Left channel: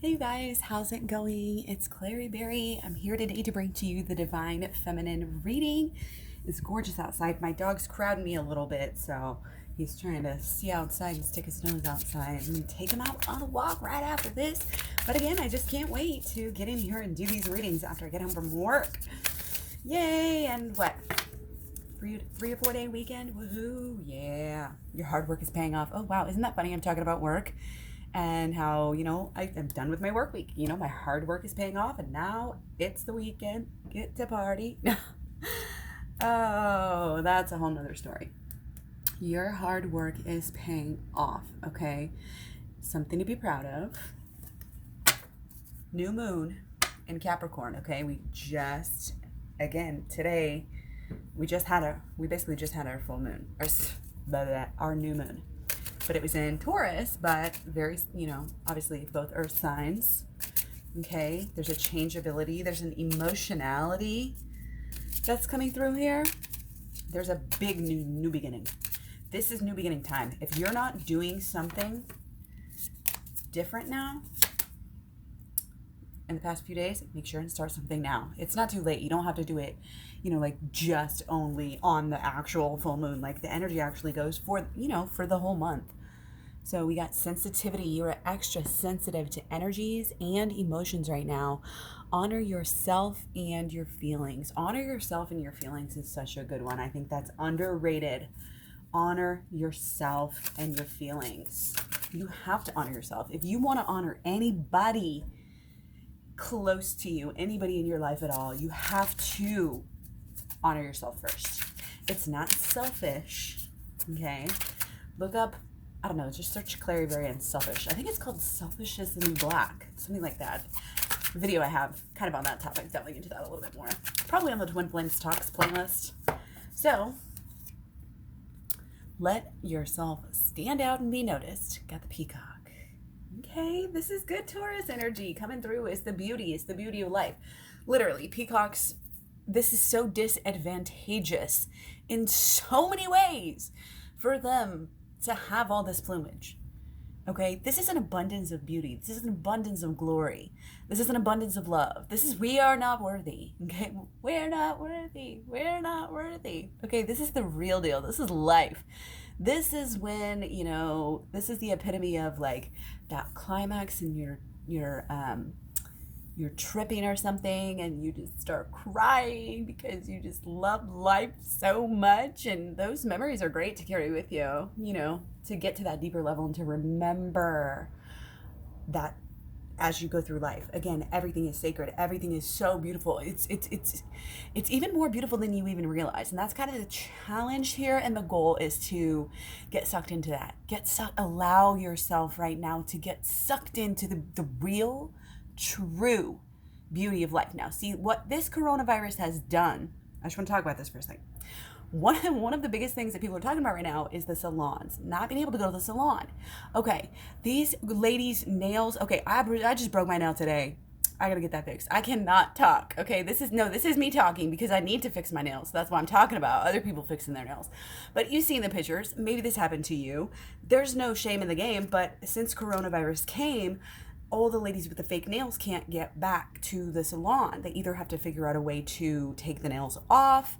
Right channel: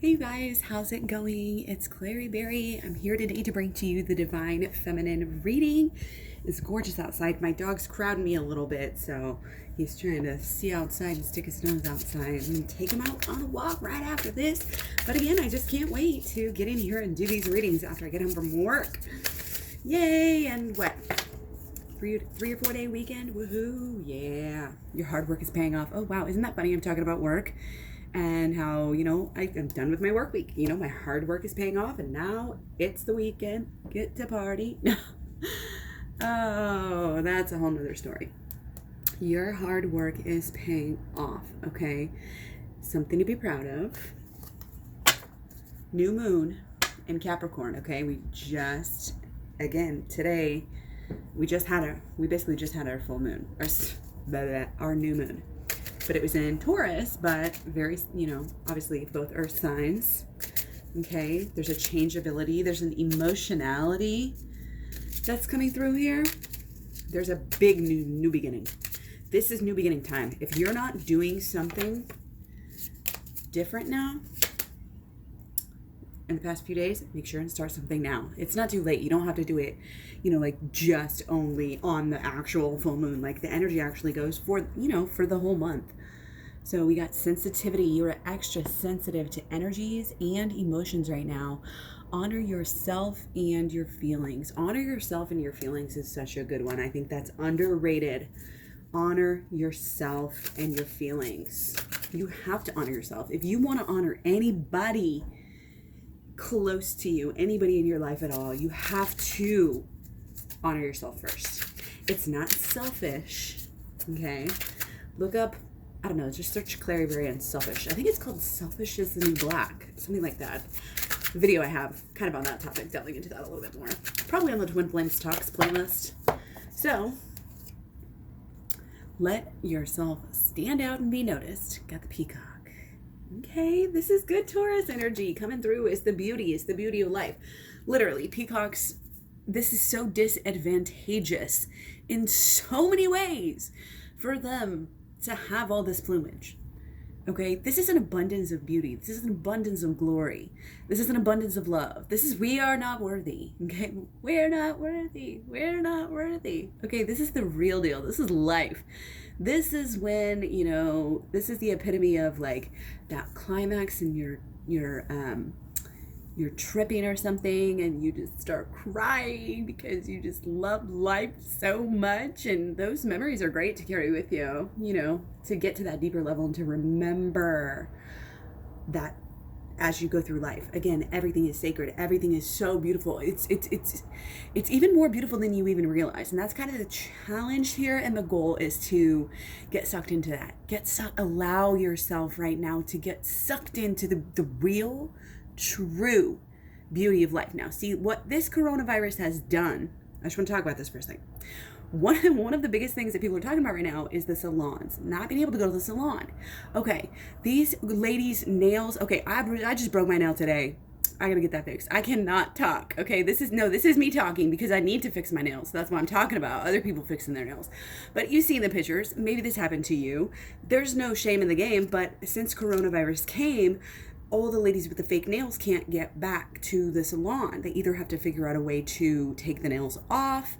Hey you guys, how's it going? It's Clary Berry. I'm here today to bring to you the Divine Feminine reading. It's gorgeous outside. My dog's crowding me a little bit, so he's trying to see outside and stick his nose outside. I'm going to take him out on a walk right after this. But again, I just can't wait to get in here and do these readings after I get home from work. Yay! And what? Three or 4 day weekend? Woohoo! Yeah. Your hard work is paying off. Oh wow, isn't that funny? I'm talking about work. And how, I'm done with my work week. My hard work is paying off, and now it's the weekend. Get to party. Oh, that's a whole nother story. Your hard work is paying off, okay? Something to be proud of. New moon in Capricorn, okay? Today, we basically just had our full moon, our new moon. But it was in Taurus, but very, obviously both earth signs. Okay, there's a changeability, there's an emotionality that's coming through here. There's a big new beginning. This is new beginning time. If you're not doing something different now in the past few days, make sure and start something now. It's not too late. You don't have to do it, just only on the actual full moon. Like the energy actually goes for, for the whole month. So we got sensitivity. You're extra sensitive to energies and emotions right now. Honor yourself and your feelings. Honor yourself and your feelings is such a good one. I think that's underrated. Honor yourself and your feelings. You have to honor yourself. If you want to honor anybody close to you, anybody in your life at all, you have to honor yourself first. It's not selfish, okay? Look up, I don't know, just search Clary Berry and selfish. I think it's called Selfish is the New Black, something like that. Video I have kind of on that topic, delving into that a little bit more. Probably on the Twin Flames Talks playlist. So, let yourself stand out and be noticed. Got the peacock. Okay, this is good Taurus energy coming through. It's the beauty of life. Literally, peacocks, this is so disadvantageous in so many ways for them to have all this plumage. Okay, this is an abundance of beauty. This is an abundance of glory. This is an abundance of love. We are not worthy. Okay, we're not worthy. We're not worthy. Okay, this is the real deal. This is life. This is when, this is the epitome of like that climax and you're tripping or something and you just start crying because you just love life so much. And those memories are great to carry with you, to get to that deeper level and to remember that as you go through life. Again, everything is sacred. Everything is so beautiful. It's even more beautiful than you even realize. And that's kind of the challenge here. And the goal is to get sucked into that. Allow yourself right now to get sucked into the real, true beauty of life. Now, see what this coronavirus has done. I just want to talk about this for a second. One of the biggest things that people are talking about right now is the salons, not being able to go to the salon. Okay, these ladies' nails. Okay, I just broke my nail today. I gotta get that fixed. I cannot talk. Okay, this is me talking because I need to fix my nails. That's what I'm talking about. Other people fixing their nails. But you see the pictures. Maybe this happened to you. There's no shame in the game. But since coronavirus came, all the ladies with the fake nails can't get back to the salon. They either have to figure out a way to take the nails off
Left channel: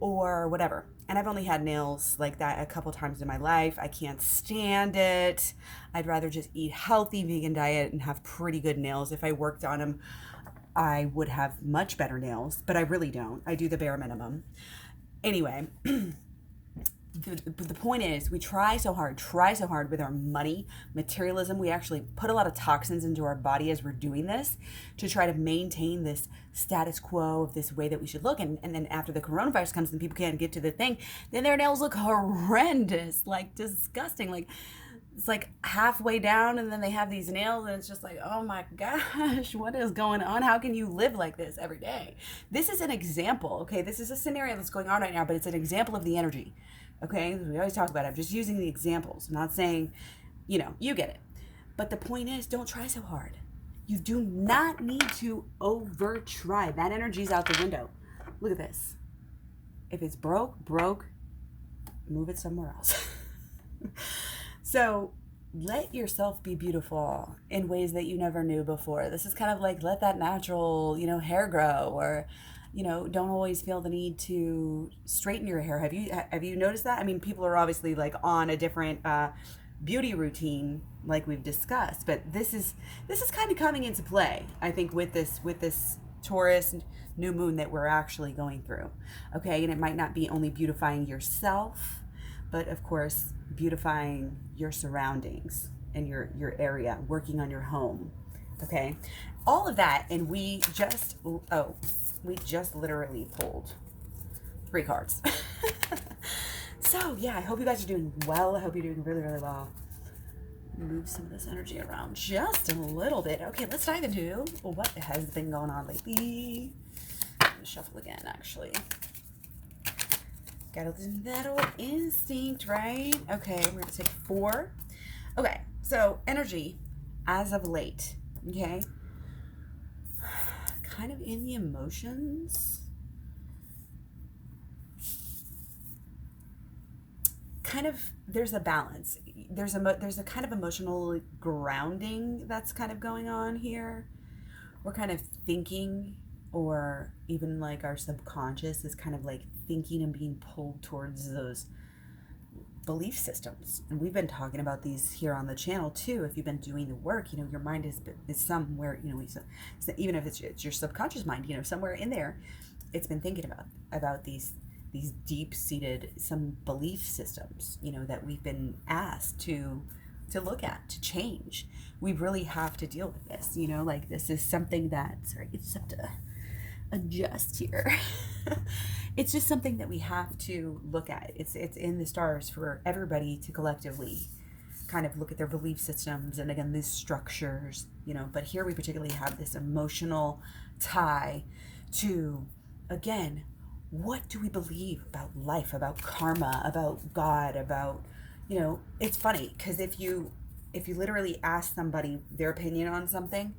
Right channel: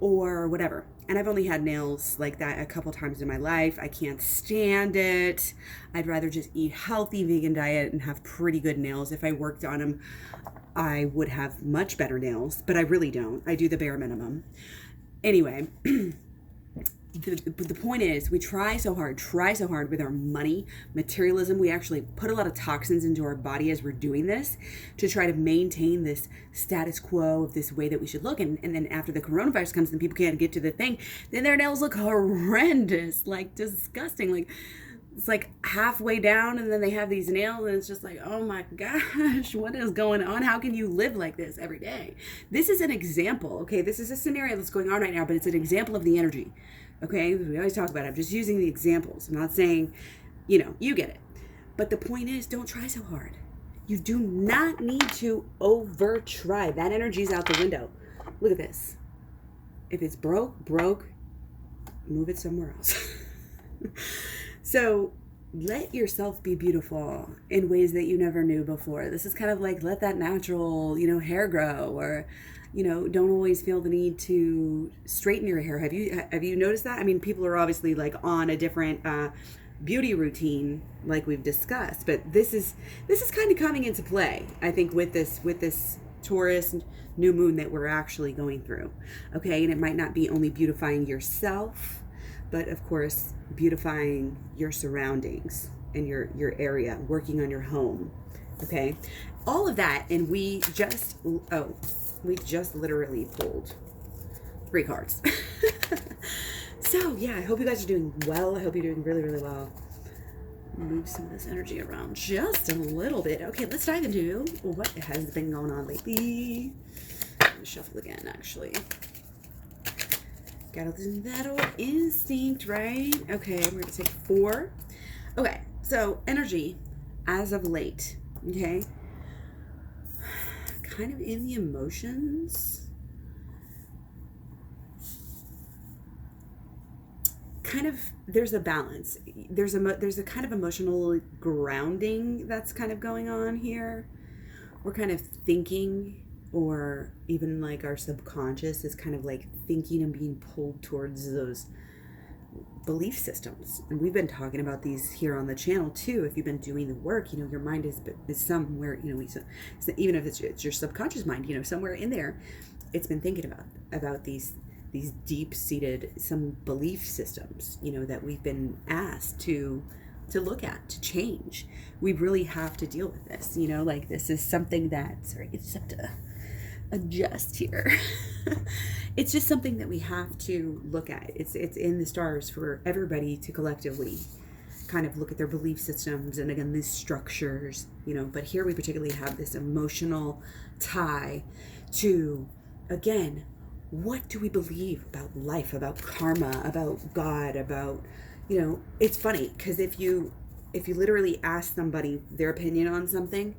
or whatever. And I've only had nails like that a couple times in my life. I can't stand it. I'd rather just eat healthy vegan diet and have pretty good nails. If I worked on them, I would have much better nails, but I really don't. I do the bare minimum. Anyway, the point is, we try so hard with our money, materialism. We actually put a lot of toxins into our body as we're doing this to try to maintain this status quo of this way that we should look. And then after the coronavirus comes and people can't get to the thing, then their nails look horrendous, like disgusting. Like it's like halfway down and then they have these nails and it's just like, oh my gosh, what is going on? How can you live like this every day? This is an example, okay? This is a scenario that's going on right now, but it's an example of the energy. Okay, we always talk about it. I'm just using the examples. I'm not saying, you get it. But the point is, don't try so hard. You do not need to over try. That energy's out the window. Look at this. If it's broke, move it somewhere else. So let yourself be beautiful in ways that you never knew before. This is kind of like let that natural, hair grow, or don't always feel the need to straighten your hair. Have you noticed that? I mean, people are obviously like on a different beauty routine like we've discussed, but this is kind of coming into play, I think, with this Taurus new moon that we're actually going through. Okay, and it might not be only beautifying yourself, but of course beautifying your surroundings and your area, working on your home. Okay, all of that. And we just literally pulled 3 cards. So yeah, I hope you guys are doing well. I hope you're doing really, really well. Move some of this energy around just a little bit. Okay, let's dive into what has been going on lately. I'm gonna shuffle again, actually. Gotta listen to that old instinct, right? Okay, we're gonna take 4. Okay, so energy as of late, okay? Kind of in the emotions. Kind of, there's a balance. There's a kind of emotional grounding that's kind of going on here. We're kind of thinking, or even like our subconscious is kind of like thinking and being pulled towards those belief systems. And we've been talking about these here on the channel too. If you've been doing the work, your mind is somewhere, even if it's your subconscious mind, somewhere in there, it's been thinking about these deep-seated some belief systems, that we've been asked to look at, to change. We really have to deal with this, like this is something that, sorry, I just have to adjust here. It's just something that we have to look at. It's in the stars for everybody to collectively kind of look at their belief systems and, again, these structures, but here we particularly have this emotional tie to, again, what do we believe about life, about karma, about God, about, it's funny because if you literally ask somebody their opinion on something,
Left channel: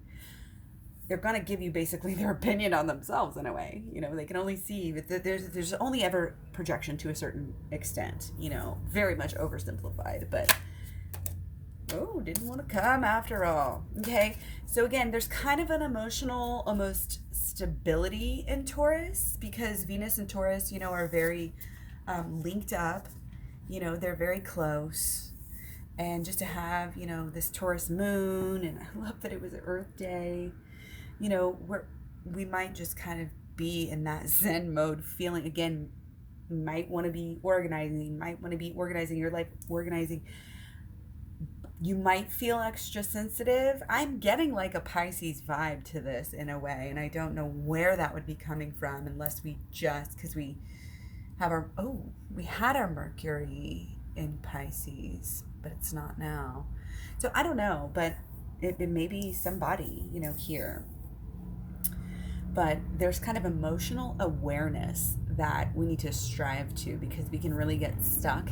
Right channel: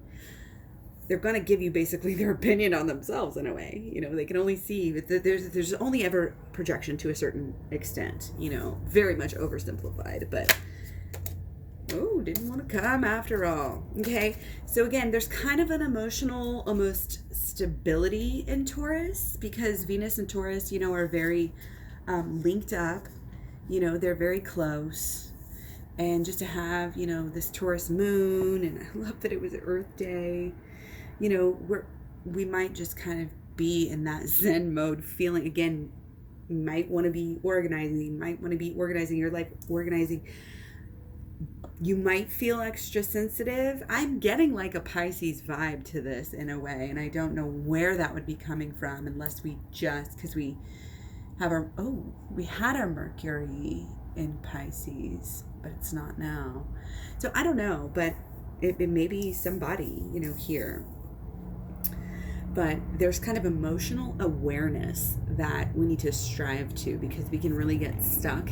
they're going to give you basically their opinion on themselves in a way. They can only see that there's only ever projection to a certain extent, very much oversimplified, but didn't want to come after all. Okay, so again, there's kind of an emotional almost stability in Taurus because Venus and Taurus, are very linked up. They're very close. And just to have, this Taurus moon, and I love that it was Earth Day, we might just kind of be in that Zen mode feeling. Again, might want to be organizing your life, organizing. You might feel extra sensitive. I'm getting like a Pisces vibe to this in a way, and I don't know where that would be coming from unless because we have we had our Mercury in Pisces, but it's not now. So I don't know, but it may be somebody, here. But there's kind of emotional awareness that we need to strive to, because we can really get stuck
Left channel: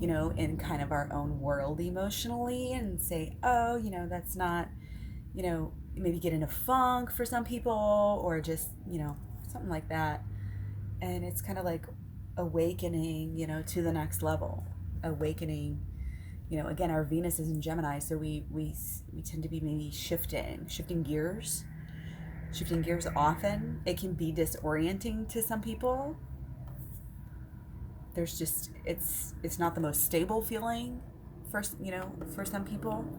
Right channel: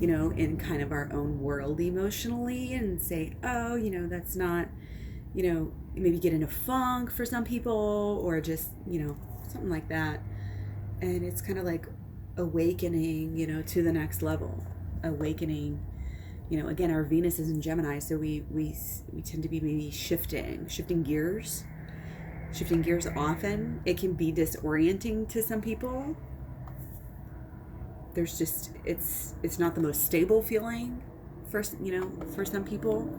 in kind of our own world emotionally and say, that's not, maybe get in a funk for some people, or just, something like that. And it's kind of like awakening, to the next level. Awakening, again, our Venus is in Gemini, so we tend to be maybe shifting gears often. It can be disorienting to some people. There's just, it's not the most stable feeling for some people.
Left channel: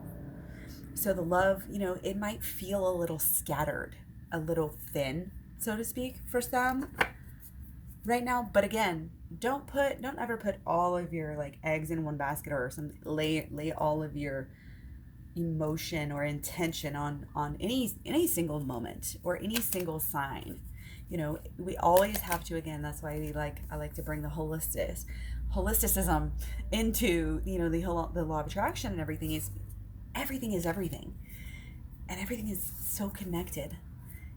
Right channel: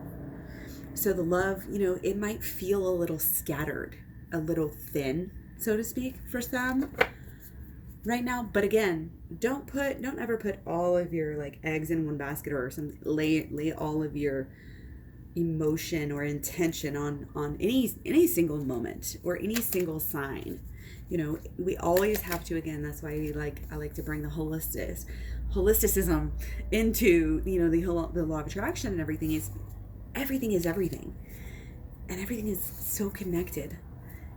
So the love, it might feel a little scattered, a little thin, so to speak, for some right now. But again, don't ever put all of your like eggs in one basket, or something. Lay all of your emotion or intention on any single moment or any single sign. We always have to, again, that's why I like to bring the holisticism into, the law of attraction, and everything is everything. And everything is so connected.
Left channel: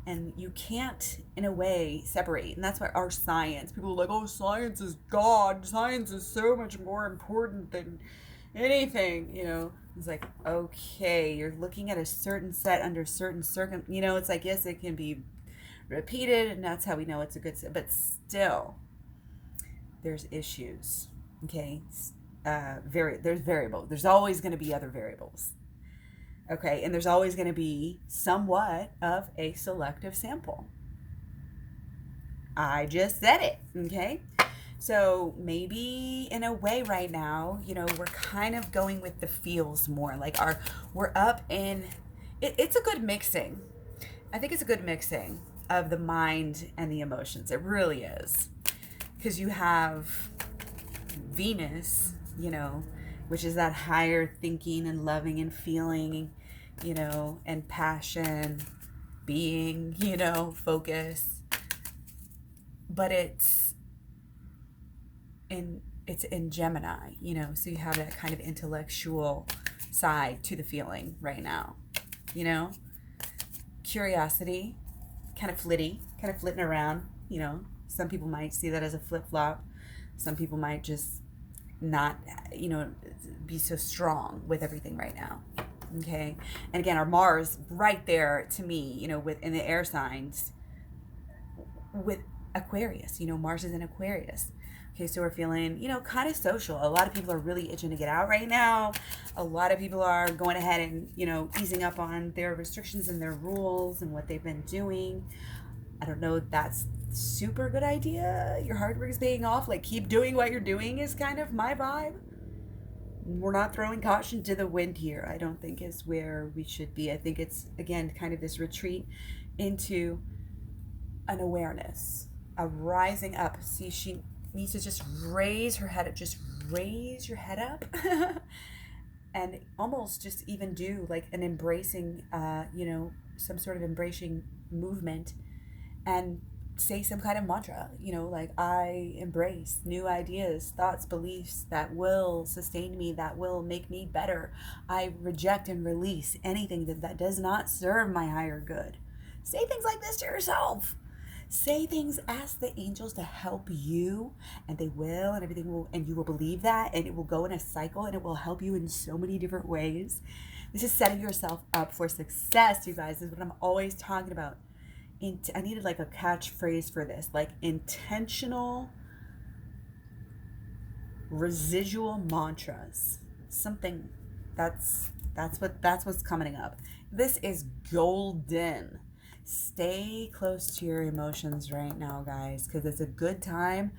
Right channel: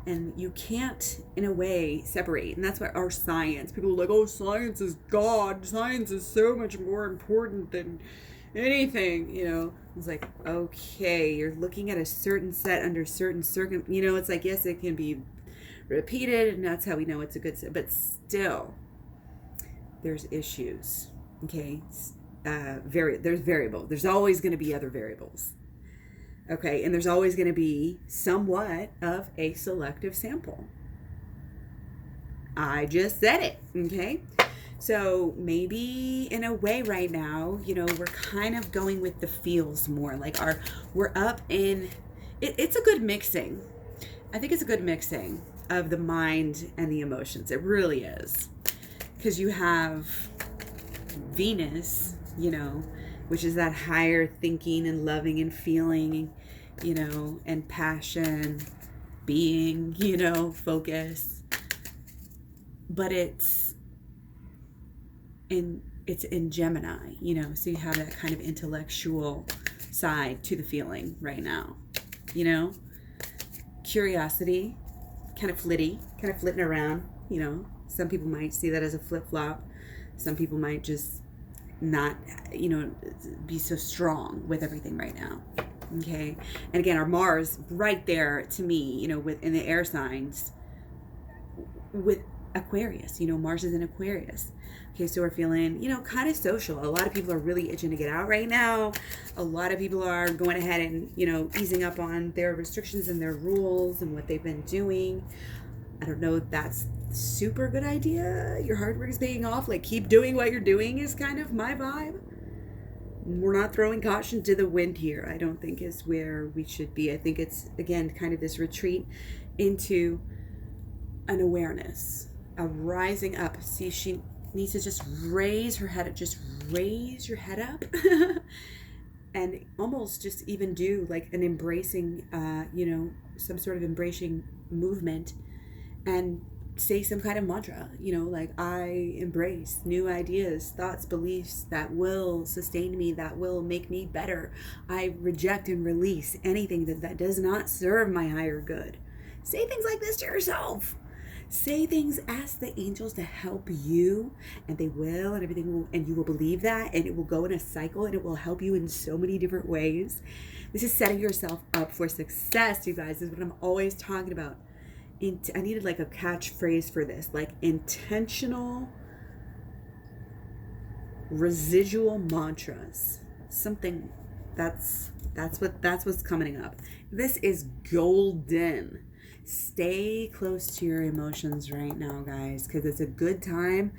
And you can't, in a way, separate. And that's why our science, people are like, science is God. Science is so much more important than anything, It's like, okay, you're looking at a certain set under certain it's like, yes, it can be repeated, and that's how we know it's a good set, but still there's issues. Okay, there's variables. There's always going to be other variables. Okay, and there's always going to be somewhat of a selective sample. I just said it, okay? So maybe in a way right now, you know, we're kind of going with the feels more. Like we're up in, it's a good mixing. I think it's a good mixing of the mind and the emotions. It really is. Because you have Venus, you know, which is that higher thinking and loving and feeling, you know, and passion, being, you know, focus. But it's in Gemini, you know, so you have that kind of intellectual side to the feeling right now, you know, curiosity, kind of flitting around, you know. Some people might see that as a flip-flop. Some people might just not, you know, be so strong with everything right now. Okay. And again, our Mars right there to me, you know, in the air signs with Aquarius, you know, Mars is in Aquarius. Okay. So we're feeling, you know, kind of social. A lot of people are really itching to get out right now. A lot of people are going ahead and, you know, easing up on their restrictions and their rules and what they've been doing. I don't know if that's super good idea. Your hard work is paying off. Like, keep doing what you're doing is kind of my vibe. We're not throwing caution to the wind here. I don't think is where we should be. I think it's, again, kind of this retreat into an awareness, a rising up. See, she needs to just raise her head up. Just raise your head up. And almost just even do like an embracing, you know, some sort of embracing movement, and say some kind of mantra, you know, like I embrace new ideas, thoughts, beliefs that will sustain me, that will make me better. I reject and release anything that does not serve my higher good. Say things like this to yourself. Say things, ask the angels to help you, and they will, and everything will, and you will believe that, and it will go in a cycle, and it will help you in so many different ways. This is setting yourself up for success, you guys. This is what I'm always talking about. I needed like a catchphrase for this, like intentional residual mantras. Something that's what's coming up. This is golden. Stay close to your emotions right now, guys, because it's a good time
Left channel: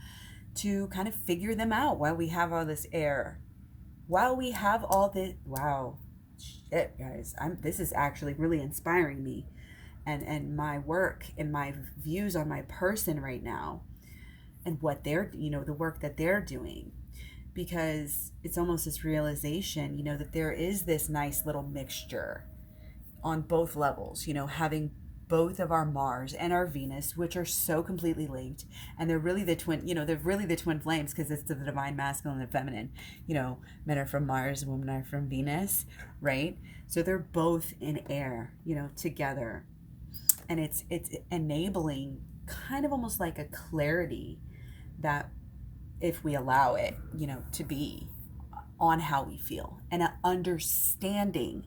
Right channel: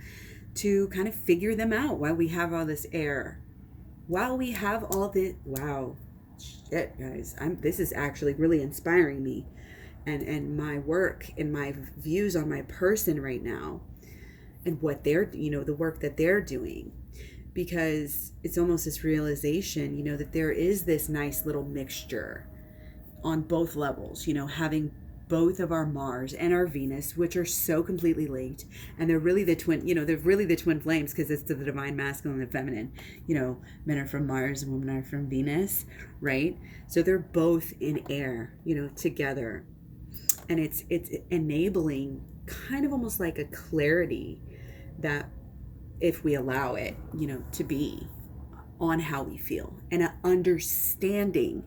to kind of figure them out while we have all this air. While we have all this, wow, shit, guys, this is actually really inspiring me. And my work and my views on my person right now, and what they're, you know, the work that they're doing, because it's almost this realization, you know, that there is this nice little mixture on both levels, you know, having both of our Mars and our Venus, which are so completely linked, and they're really the twin, you know, they're really the twin flames, because it's the divine masculine and feminine, you know, men are from Mars, women are from Venus, right? So they're both in air, you know, together. And it's enabling kind of almost like a clarity that, if we allow it, you know, to be on how we feel, and an understanding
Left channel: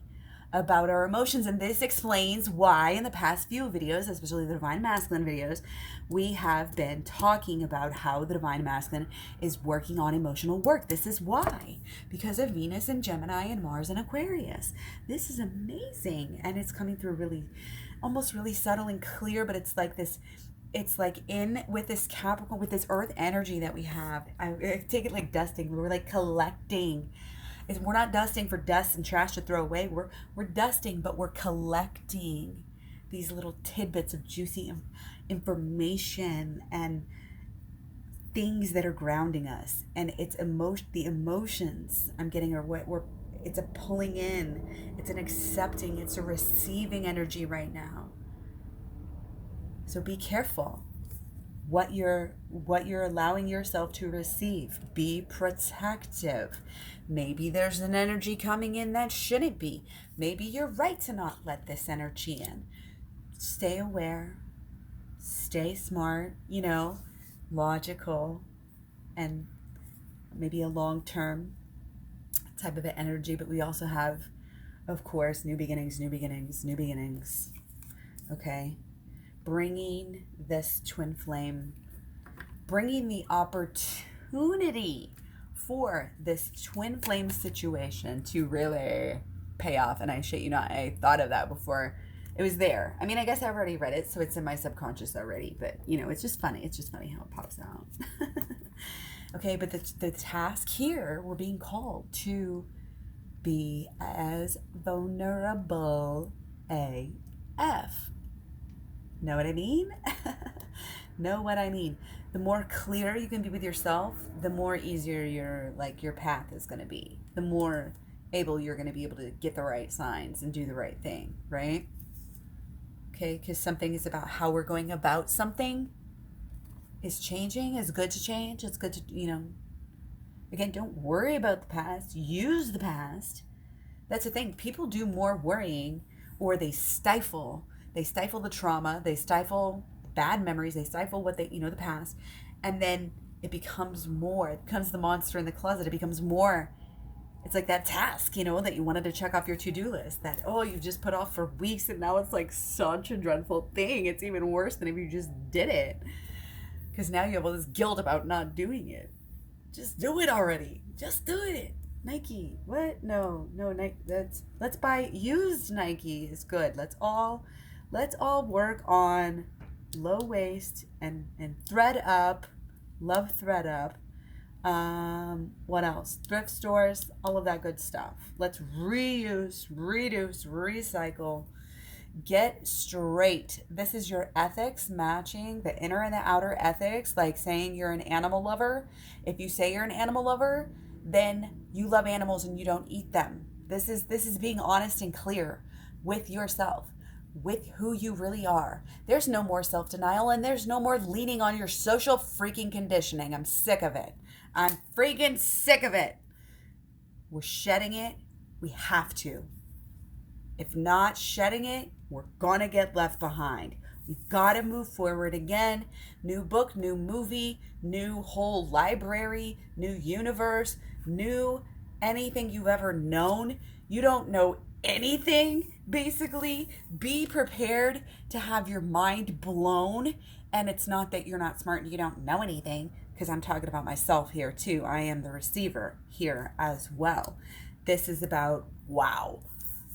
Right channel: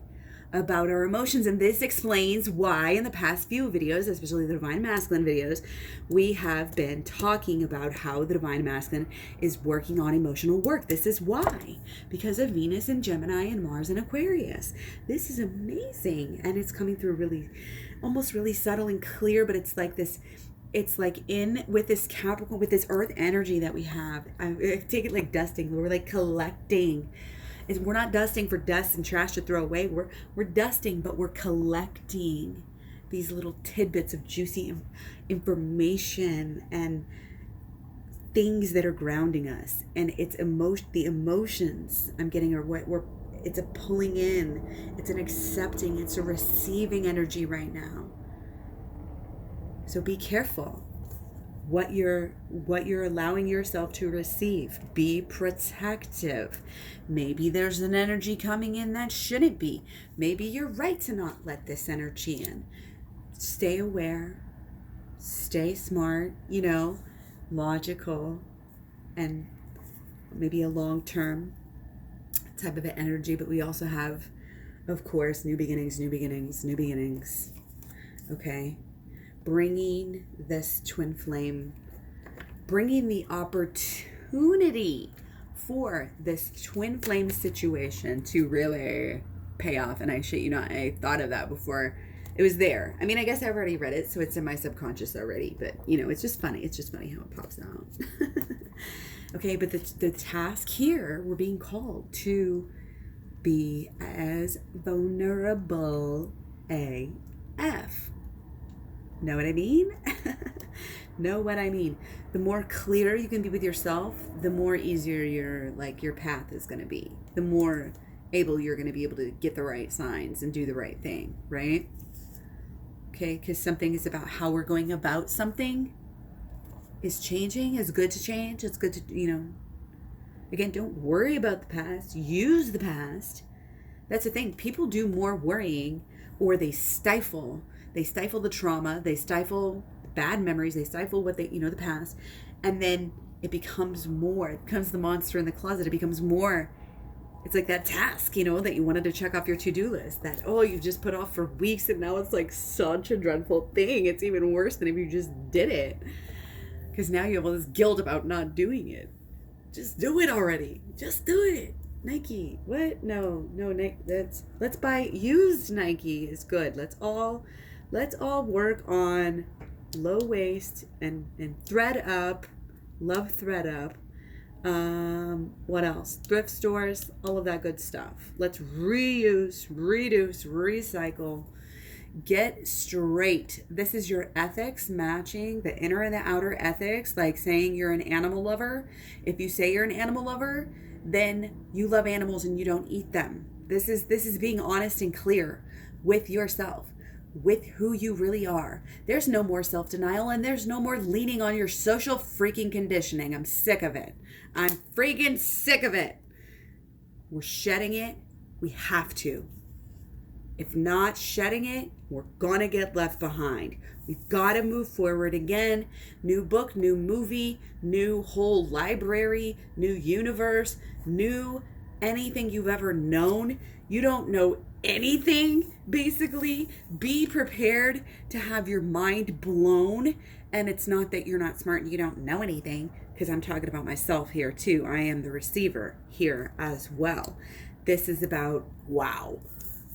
about our emotions. And this explains why in the past few videos, especially the Divine Masculine videos, we have been talking about how the Divine Masculine is working on emotional work. This is why, because of Venus and Gemini and Mars and Aquarius. This is amazing, and it's coming through really, almost really subtle and clear, but it's like this, it's like in with this Capricorn, with this earth energy that we have. I take it like dusting. We're like collecting. We're not dusting for dust and trash to throw away. We're dusting, but we're collecting these little tidbits of juicy information and things that are grounding us. And it's the emotions I'm getting are what it's a pulling in, it's an accepting, it's a receiving energy right now. So be careful what you're allowing yourself to receive. Be protective. Maybe there's an energy coming in that shouldn't be. Maybe you're right to not let this energy in. Stay aware, stay smart, you know, logical, and maybe a long-term type of an energy. But we also have, of course, new beginnings. Okay, bringing this twin flame, bringing the opportunity for this twin flame situation to really pay off, and I shit you not, I thought of that before it was there. I mean, I guess I already read it, so it's in my subconscious already, but it's just funny. It's just funny how it pops out. Okay, but the task here, we're being called to be as vulnerable AF. Know what I mean? Know what I mean? The more clear you can be with yourself, the more easier your path is going to be. The more able you're going to be able to get the right signs and do the right thing, right? Okay, because something is about how we're going about something is changing. It's good to change. It's good to, again, don't worry about the past. Use the past. That's the thing. People do more worrying, or they stifle the trauma. They stifle bad memories. They stifle what the past. And then it becomes more. It becomes the monster in the closet. It becomes more. It's like that task, that you wanted to check off your to-do list that, you've just put off for weeks, and now it's like such a dreadful thing. It's even worse than if you just did it. Because now you have all this guilt about not doing it. Just do it already. Just do it. Nike. What? No, Nike. Let's buy used Nike is good. Let's all work on low waist and thread up. Love thread up. What else? Thrift stores, all of that good stuff. Let's reuse, reduce, recycle. Get straight. This is your ethics matching the inner and the outer ethics, like saying you're an animal lover. If you say you're an animal lover, then you love animals and you don't eat them. This is being honest and clear with yourself, with who you really are. There's no more self-denial, and there's no more leaning on your social freaking conditioning. I'm sick of it. I'm freaking sick of it. We're shedding it. We have to. If not shedding it, we're gonna get left behind. We've got to move forward again. New book, new movie, new whole library, new universe, new anything you've ever known. You don't know anything, basically. Be prepared to have your mind blown. And it's not that you're not smart and you don't know anything, because I'm talking about myself here too. I am the receiver here as well. This is about, wow.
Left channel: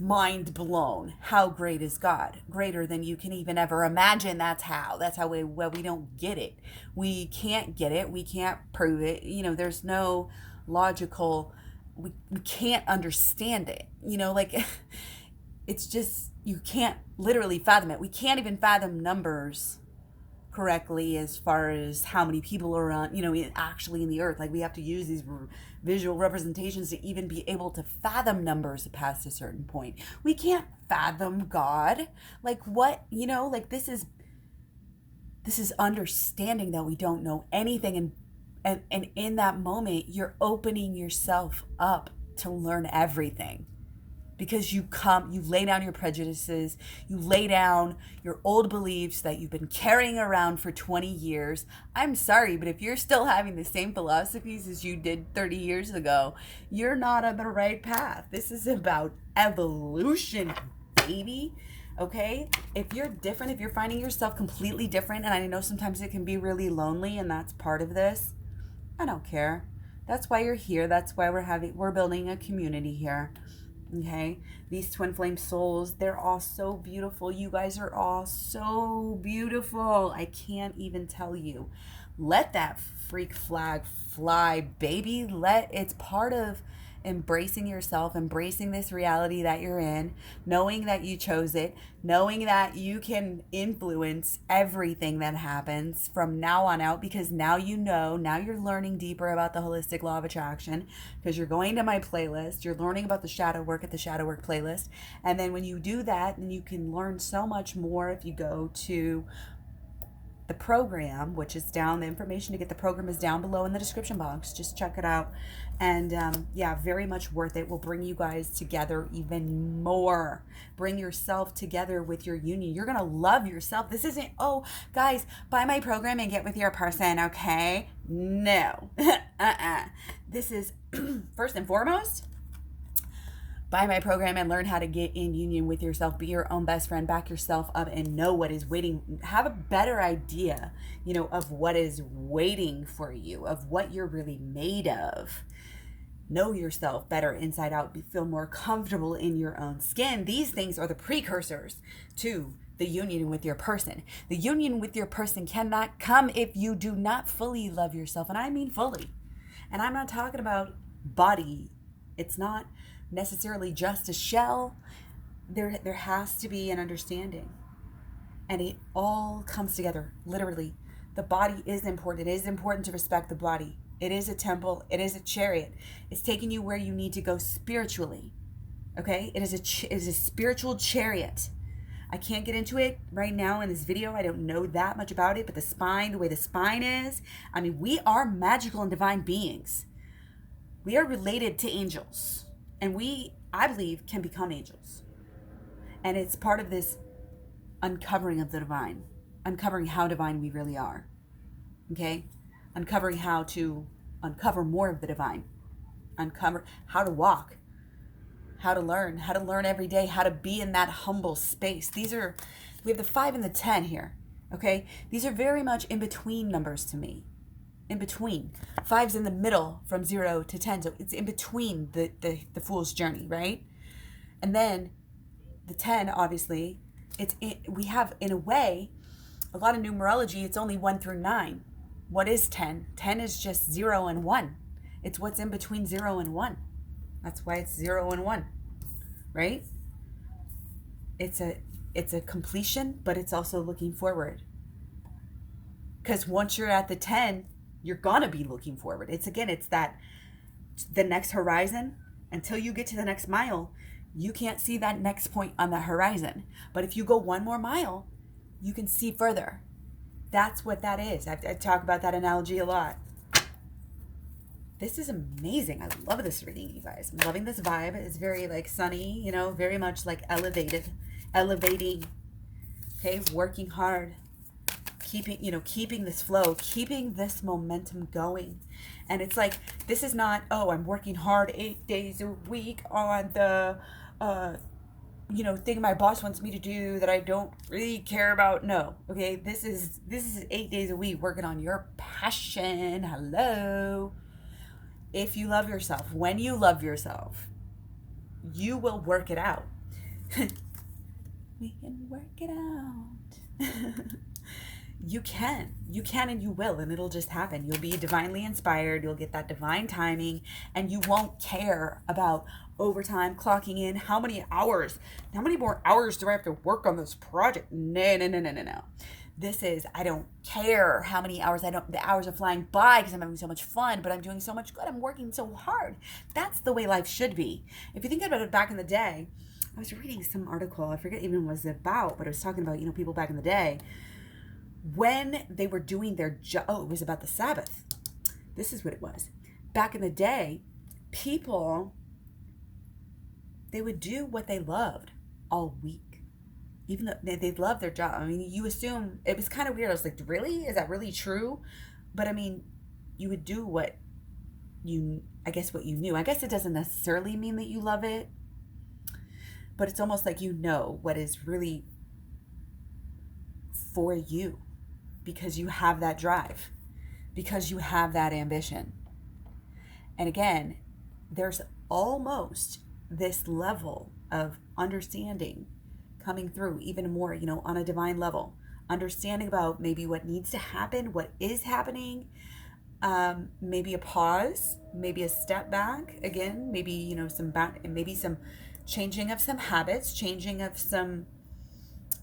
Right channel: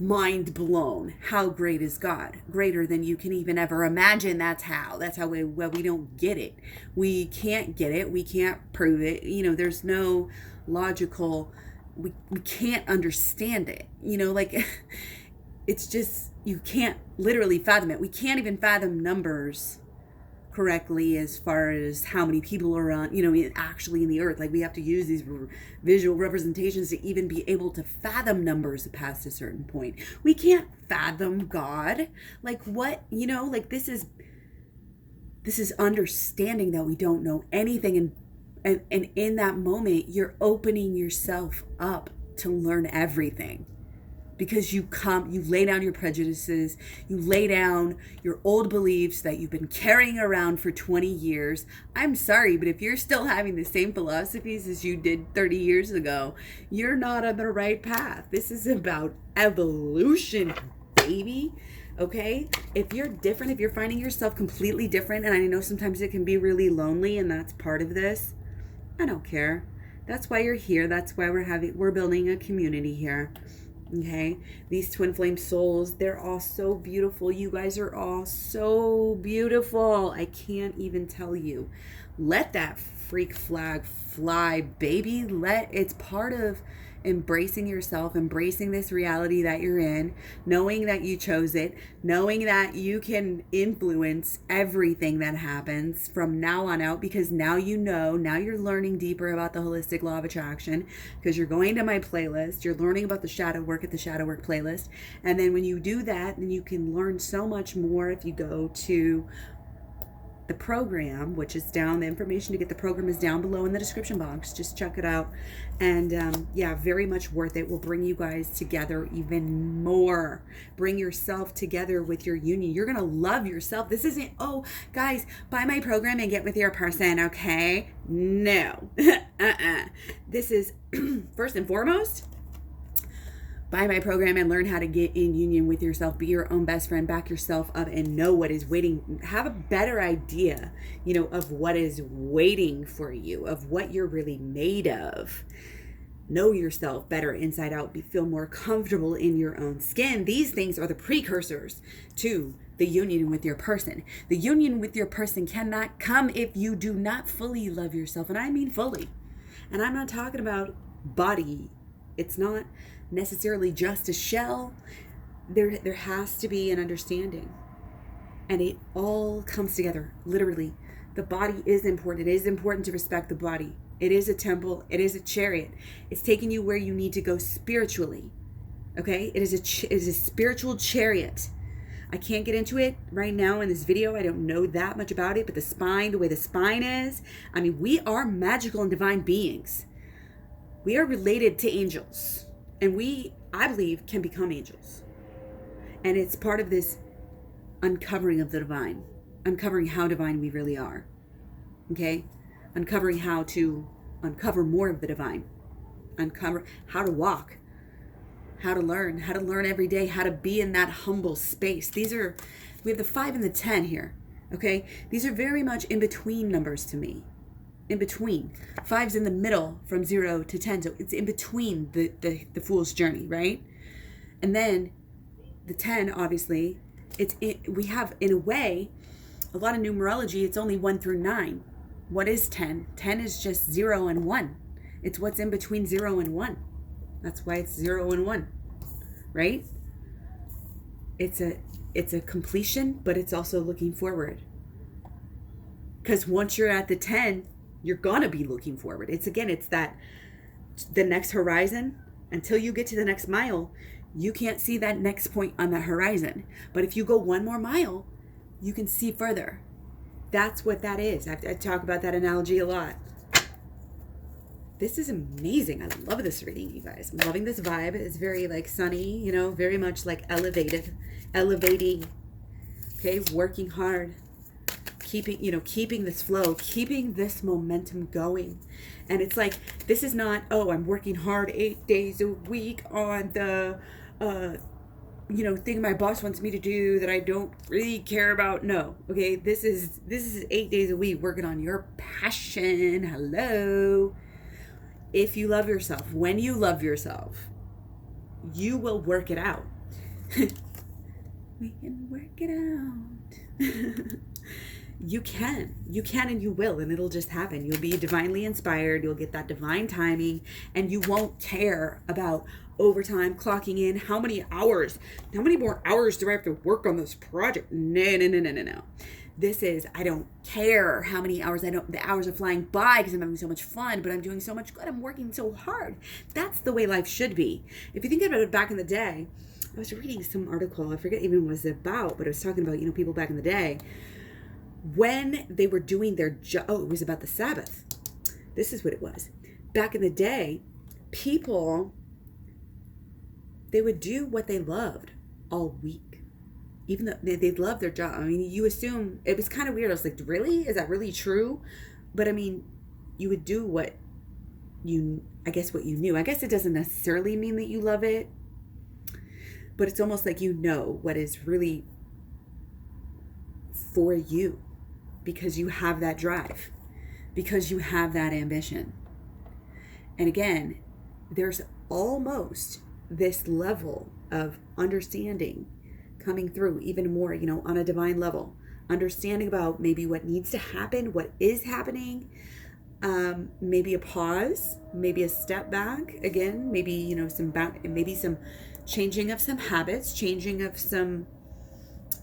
Mind blown. How great is God? Greater than you can even ever imagine. That's how we don't get it. We can't get it. We can't prove it. There's no logical, we can't understand it. It's just, you can't literally fathom it. We can't even fathom numbers correctly as far as how many people are on, actually in the earth. Like, we have to use these visual representations to even be able to fathom numbers past a certain point. We can't fathom God. Like, what, this is understanding that we don't know anything. And in that moment, you're opening yourself up to learn everything. Because you lay down your prejudices, you lay down your old beliefs that you've been carrying around for 20 years. I'm sorry, but if you're still having the same philosophies as you did 30 years ago, you're not on the right path. This is about evolution, baby. Okay? If you're different, if you're finding yourself completely different, and I know sometimes it can be really lonely, and that's part of this, I don't care. That's why you're here. That's why we're building a community here. Okay, these twin flame souls, they're all so beautiful. You guys are all so beautiful. I can't even tell you. Let that freak flag fly, baby. It's part of embracing yourself, embracing this reality that you're in, knowing that you chose it, knowing that you can influence everything that happens from now on out, because now now you're learning deeper about the holistic law of attraction, because you're going to my playlist, you're learning about the shadow work at the shadow work playlist. And then when you do that, then you can learn so much more if you go to the program, which is down. The information to get the program is down below in the description box. Just check it out. And very much worth it. Will bring you guys together even more. Bring yourself together with your union. You're going to love yourself. This isn't, guys, buy my program and get with your person, okay? No. This is, first and foremost, Buy my program and learn how to get in union with yourself, be your own best friend, back yourself up, and know what is waiting. Have a better idea, of what is waiting for you, of what you're really made of. Know yourself better inside out, feel more comfortable in your own skin. These things are the precursors to the union with your person. The union with your person cannot come if you do not fully love yourself. And I mean fully. And I'm not talking about body. It's not necessarily just a shell. There has to be an understanding. And it all comes together, literally. The body is important. It is important to respect the body. It is a temple. It is a chariot. It's taking you where you need to go spiritually. Okay? It is a spiritual chariot. I can't get into it right now in this video. I don't know that much about it, but the spine, the way the spine is, we are magical and divine beings. We are related to angels, and we, I believe, can become angels. And it's part of this uncovering of the divine, uncovering how divine we really are. Okay? Uncovering how to uncover more of the divine, uncover how to walk, how to learn every day, how to be in that humble space. We have the 5 and the 10 here, okay? These are very much in between numbers to me. In between. 5's in the middle from 0 to 10, so it's in between the fool's journey, right? And then the 10, obviously, we have, in a way, a lot of numerology, it's only 1 through 9. What is 10? 10 is just 0 and 1. It's what's in between 0 and 1. That's why it's 0 and 1, right? It's a completion, but it's also looking forward. Because once you're at the 10, you're gonna be looking forward. It's the next horizon. Until you get to the next mile, you can't see that next point on the horizon. But if you go 1 more mile, you can see further. That's what that is. I talk about that analogy a lot. This is amazing. I love this reading, you guys. I'm loving this vibe. It's very sunny, very much elevating. Okay, working hard, keeping this flow, keeping this momentum going. And it's this is not, I'm working hard 8 days a week on the thing my boss wants me to do that I don't really care about. No, okay, this is 8 days a week working on your passion. Hello. If you love yourself, when you love yourself, you will work it out. We can work it out. You can and you will, and it'll just happen. You'll be divinely inspired. You'll get that divine timing, and you won't care about overtime, clocking in, how many more hours do I have to work on this project? No. This is, I don't care how many hours, the hours are flying by because I'm having so much fun, but I'm doing so much good. I'm working so hard. That's the way life should be. If you think about it, back in the day, I was reading some article, I forget even what it was about, but it was talking about, people back in the day, when they were doing their job. It was about the Sabbath. This is what it was. Back in the day, people, they would do what they loved all week. Even though they love their job. You assume, it was kind of weird. I was like, really? Is that really true? But you would do what you knew. I guess it doesn't necessarily mean that you love it, but it's almost like what is really for you, because you have that drive, because you have that ambition. And again, there's almost this level of understanding coming through even more, on a divine level, understanding about maybe what needs to happen, what is happening, maybe a pause, maybe a step back again, maybe, maybe some changing of some habits, changing of some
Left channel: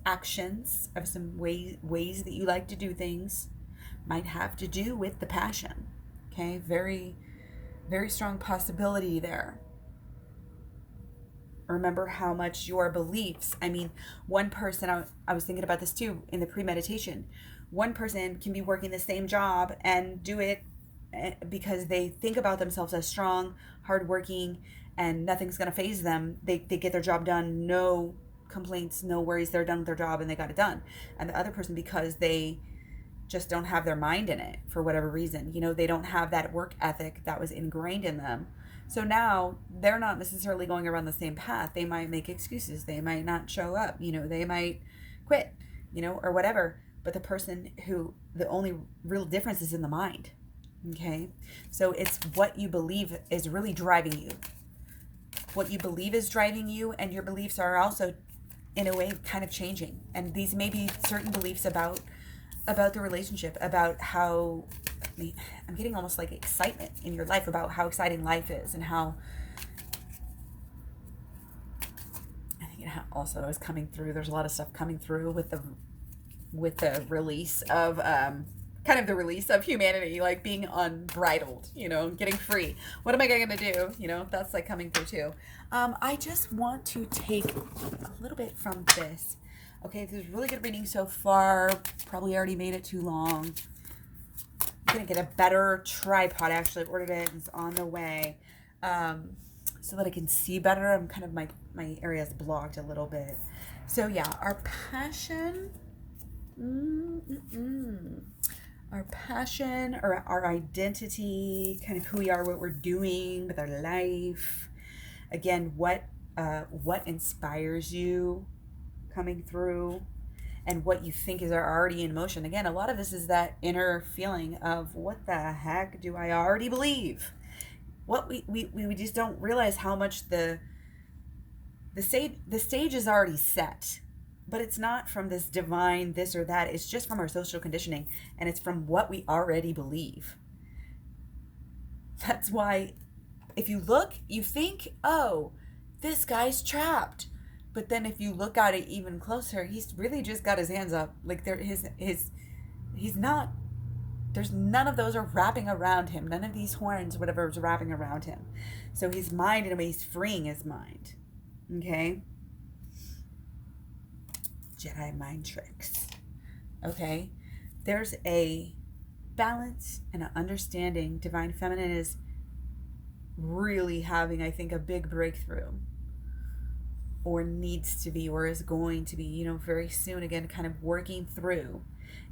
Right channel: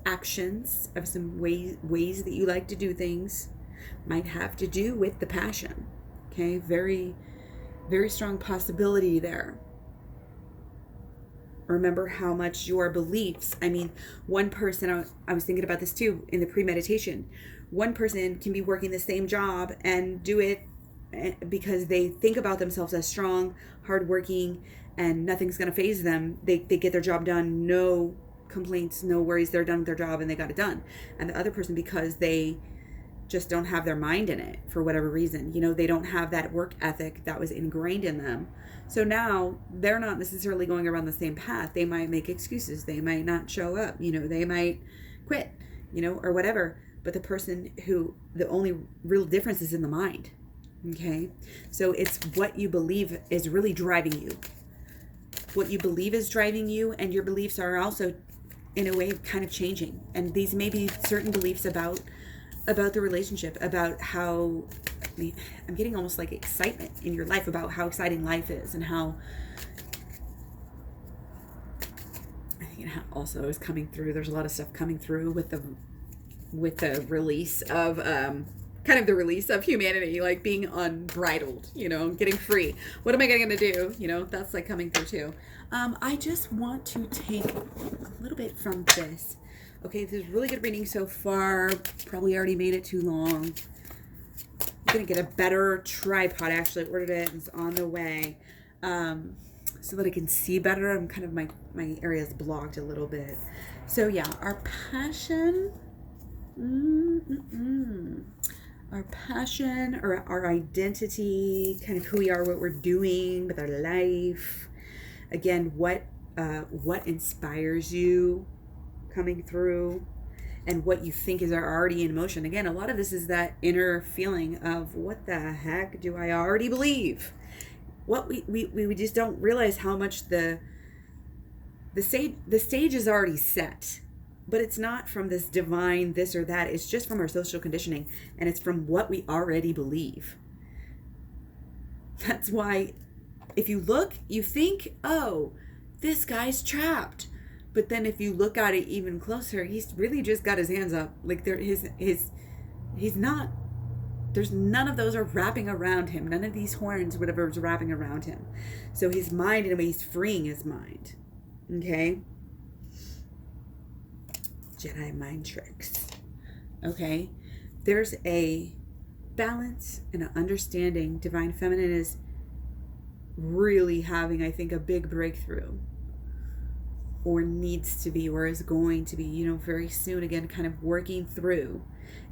actions, of some ways that you like to do things, might have to do with the passion. Okay, very, very strong possibility there. Remember how much your beliefs, one person, I was thinking about this too in the pre-meditation, one person can be working the same job and do it because they think about themselves as strong, hardworking, and nothing's going to faze them. They get their job done, no complaints, no worries, they're done with their job and they got it done. And the other person, because they just don't have their mind in it for whatever reason, they don't have that work ethic that was ingrained in them, So now they're not necessarily going around the same path. They might make excuses. They might not show up. They might quit, or whatever. But the person the only real difference is in the mind. Okay? So it's what you believe is really driving you. What you believe is driving you, and your beliefs are also, in a way, kind of changing. And these may be certain beliefs about the relationship, about how, I'm getting almost like excitement in your life about how exciting life is, and how, I think it also is coming through. There's a lot of stuff coming through with the release of, kind of the release of humanity, like being unbridled, getting free. What am I going to do? That's like coming through too. I just want to take a little bit from this. Okay, this is really good reading so far. Probably already made it too long. I'm going to get a better tripod. Actually, I ordered it. It's on the way. So that I can see better. I'm kind of, my area is blocked a little bit. So yeah, our passion. Our passion, or our identity, kind of who we are, what we're doing with our life. Again, what inspires you coming through, and what you think is already in motion. Again, a lot of this is that inner feeling of, what the heck do I already believe? What we just don't realize how much the stage is already set. But it's not from this divine this or that. It's just from our social conditioning. And it's from what we already believe. That's why if you look, you think, oh, this guy's trapped. But then if you look at it even closer, he's really just got his hands up. Like he's not, there's none of those are wrapping around him. None of these horns, whatever, is wrapping around him. So his mind, in a way, he's freeing his mind. Okay? Jedi mind tricks. Okay? There's a balance and an understanding. Divine Feminine is really having, I think, a big breakthrough, or needs to be, or is going to be, very soon, again, kind of working through.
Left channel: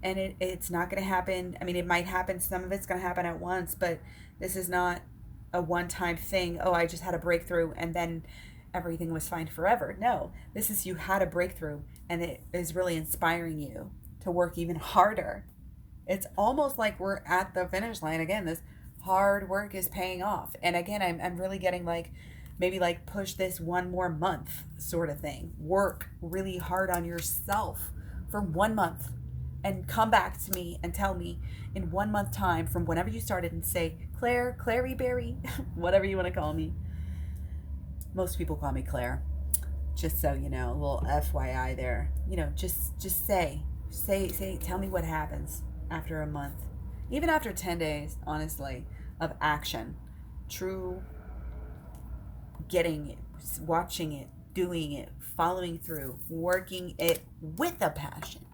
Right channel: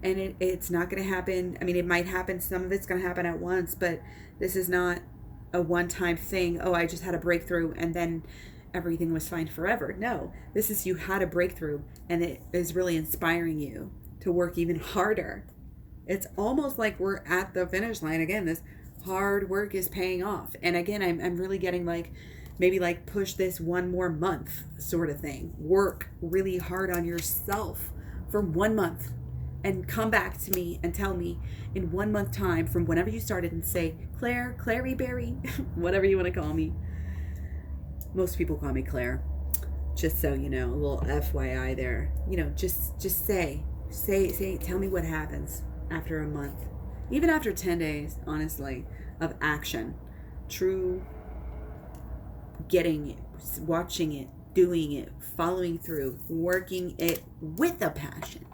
And it's not going to happen. I mean, it might happen. Some of it's going to happen at once, but this is not a one-time thing. Oh, I just had a breakthrough and then everything was fine forever. No, this is, you had a breakthrough, and it is really inspiring you to work even harder. It's almost like we're at the finish line. Again, this hard work is paying off. And again, I'm really getting maybe push this one more month sort of thing. Work really hard on yourself for 1 month, and come back to me and tell me in 1 month time from whenever you started, and say, Clary Berry, whatever you want to call me. Most people call me Claire, just so you know, a little FYI there. Just say, tell me what happens after a month, even after 10 days, honestly, of action, true getting it, watching it, doing it, following through, working it with a passion.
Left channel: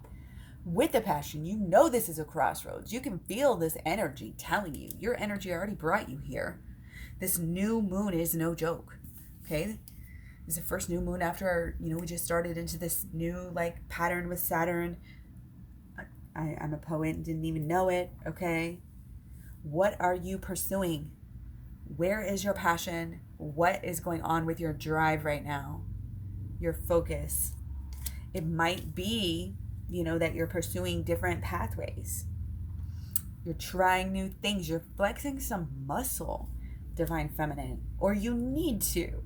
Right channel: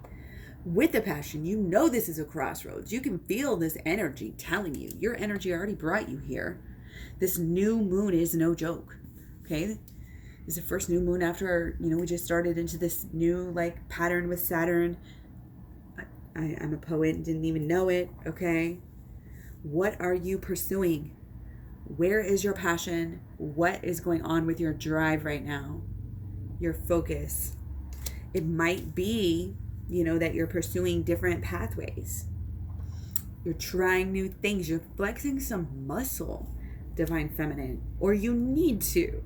With a passion, this is a crossroads. You can feel this energy telling you. Your energy already brought you here. This new moon is no joke. Okay, it's the first new moon after, we just started into this new pattern with Saturn. I'm a poet and didn't even know it. Okay, what are you pursuing? Where is your passion? What is going on with your drive right now? Your focus. It might be, that you're pursuing different pathways. You're trying new things. You're flexing some muscle, Divine Feminine, or you need to.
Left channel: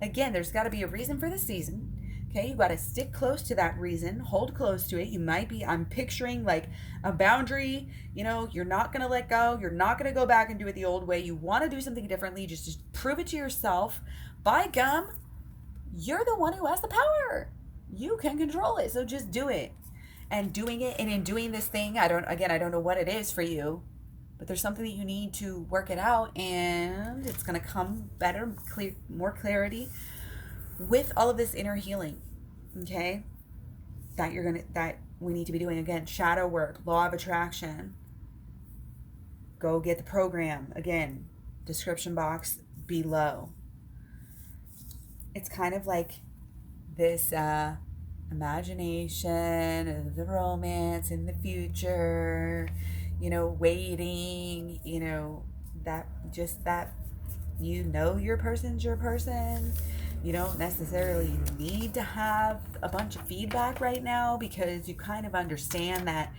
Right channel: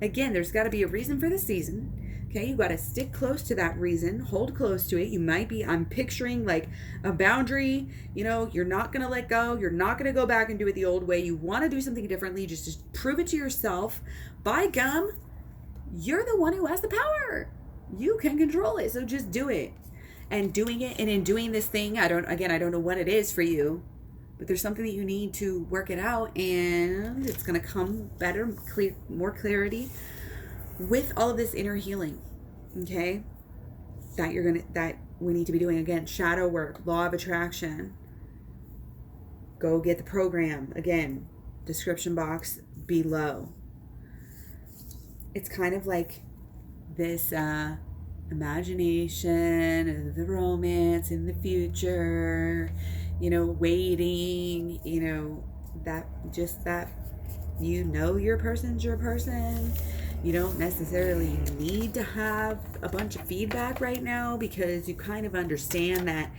Again, there's got to be a reason for the season. Okay, you got to stick close to that reason. Hold close to it. You might be, I'm picturing a boundary. You're not going to let go. You're not going to go back and do it the old way. You want to do something differently. Just prove it to yourself. By gum, you're the one who has the power. You can control it. So just do it. And doing it, and in doing this thing, I don't know what it is for you, but there's something that you need to work it out, and it's going to come better, more clarity with all of this inner healing. Okay, that we need to be doing. Again, shadow work, law of attraction. Go get the program. Again, description box below. It's kind of like this imagination of the romance in the future, waiting, that You know your person's your person. You don't necessarily need to have a bunch of feedback right now, because you kind of understand that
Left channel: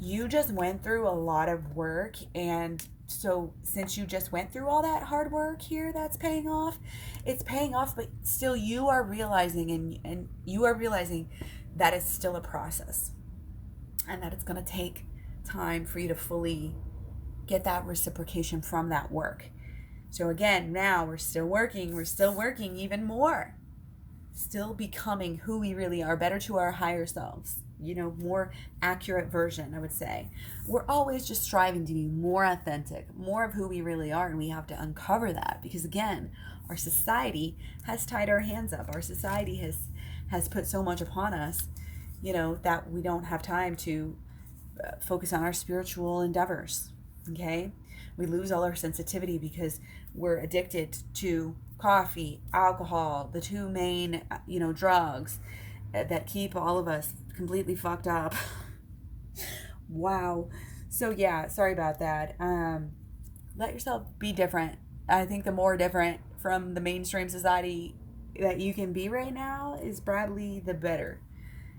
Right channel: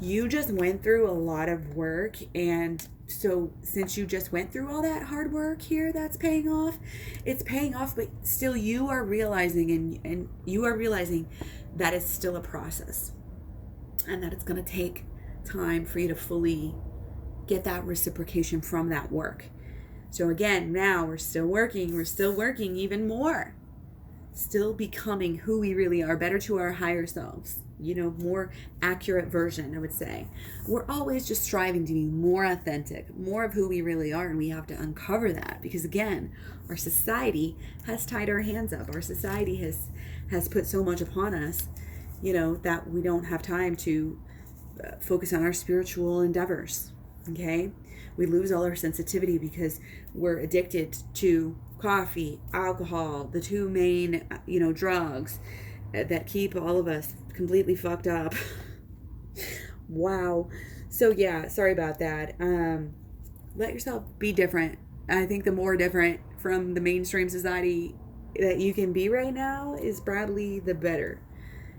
you just went through a lot of work. And so since you just went through all that hard work here, that's paying off. It's paying off, but still you are realizing, and you are realizing that it's still a process, and that it's going to take time for you to fully get that reciprocation from that work. So again, now we're still working even more, still becoming who we really are, better to our higher selves, more accurate version, I would say. We're always just striving to be more authentic, more of who we really are, and we have to uncover that, because again, our society has tied our hands up. Our society has put so much upon us, that we don't have time to focus on our spiritual endeavors, okay? We lose all our sensitivity because we're addicted to coffee, alcohol, the two main, drugs that keep all of us completely fucked up. Wow. So yeah, sorry about that. Let yourself be different. I think the more different from the mainstream society that you can be right now is probably the better.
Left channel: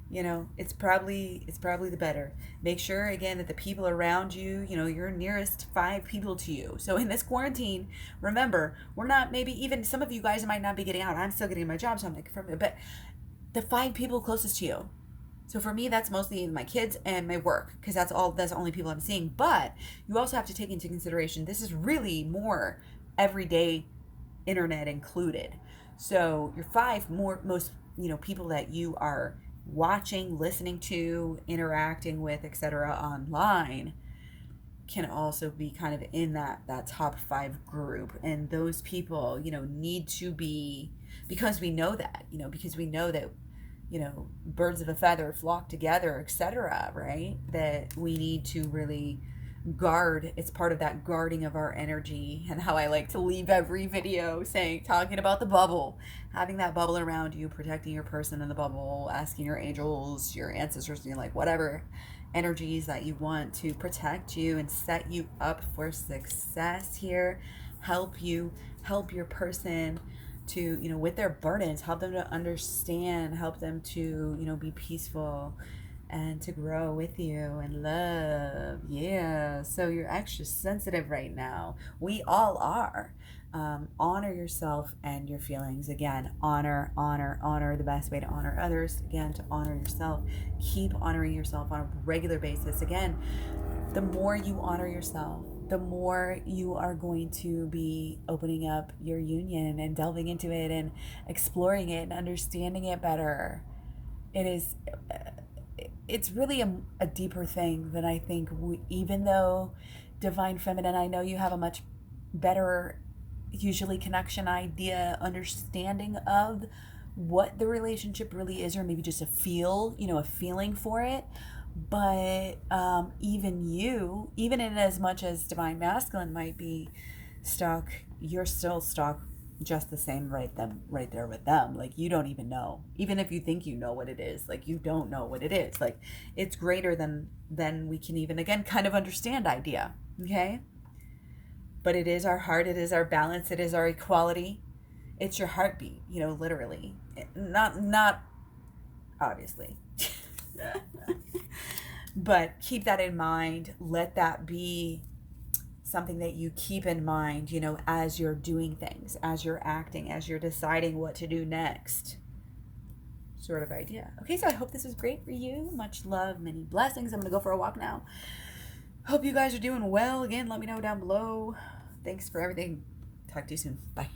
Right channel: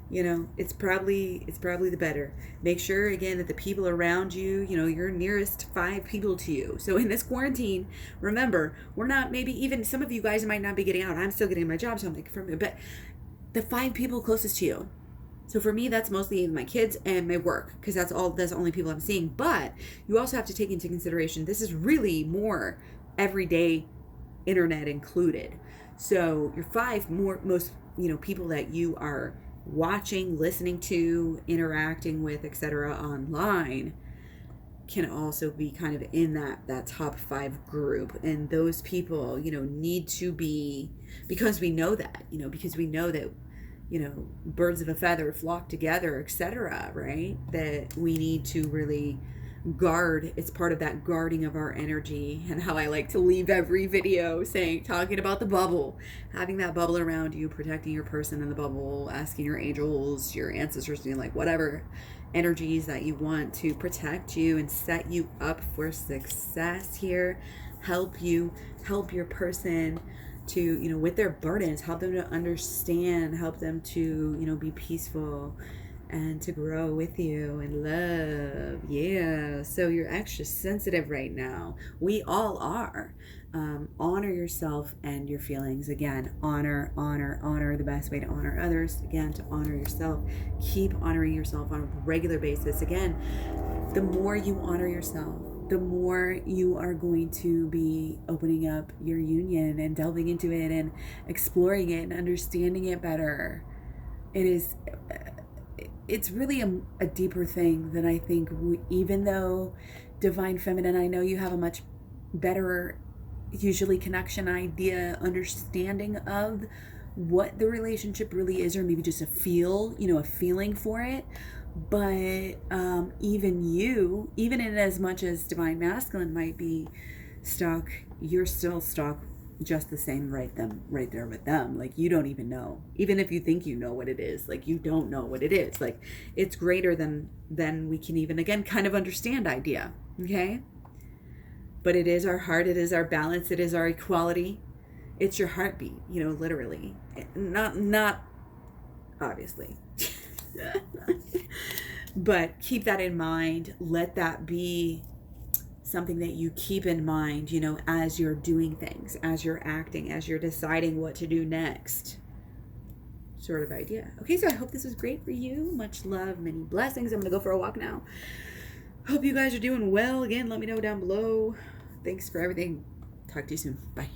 It's probably the better. Make sure again that the people around you, your nearest 5 people to you. So in this quarantine, remember, we're not, maybe even some of you guys might not be getting out. I'm still getting my job, so I'm thinking from it, but the 5 people closest to you. So for me, that's mostly my kids and my work, because that's the only people I'm seeing. But you also have to take into consideration, this is really more everyday internet included. So your 5 most people that you are watching, listening to, interacting with, etc. online can also be kind of in that top 5 group. And those people, need to be, because we know that, birds of a feather flock together, etc., right? That we need to really guard. It's part of that guarding of our energy, and how I like to leave every video talking about the bubble, having that bubble around you, protecting your person in the bubble, asking your angels, your ancestors, like whatever energies that you want to protect you and set you up for success here, help your person to, with their burdens, help them to understand, help them to, be peaceful and to grow with you and love. Yeah. So you're extra sensitive right now. We all are. Honor yourself and your feelings. Again, honor. The best way to honor others, again, to honor yourself. Keep honoring yourself on a regular basis. Again, the more you honor yourself, the more you are going to be opening up your union and delving into it and exploring it and understanding it better. It's really a deeper thing than I think. Even though Divine Feminine, I know you have a much better, usually, connection, idea, understanding of what the relationship really is, or maybe just a feeling for it. But even in as much as Divine Masculine might be stuck, you're still stuck just the same right there with them. Like, you don't even know. Even if you think you know what it is, like, you don't know what it is. Like, it's greater than we can even, again, kind of understand idea. Okay? But it is our heart, it is our balance, it is our equality. It's your heartbeat, literally. Not obviously. But keep that in mind. Let that be something that you keep in mind, as you're doing things, as you're acting, as you're deciding what to do next. Sort of idea. Okay, so I hope this was great for you. Much love, many blessings. I'm going to go for a walk now. Hope you guys are doing well. Again, let me know down below. Thanks for everything. Talk to you soon. Bye.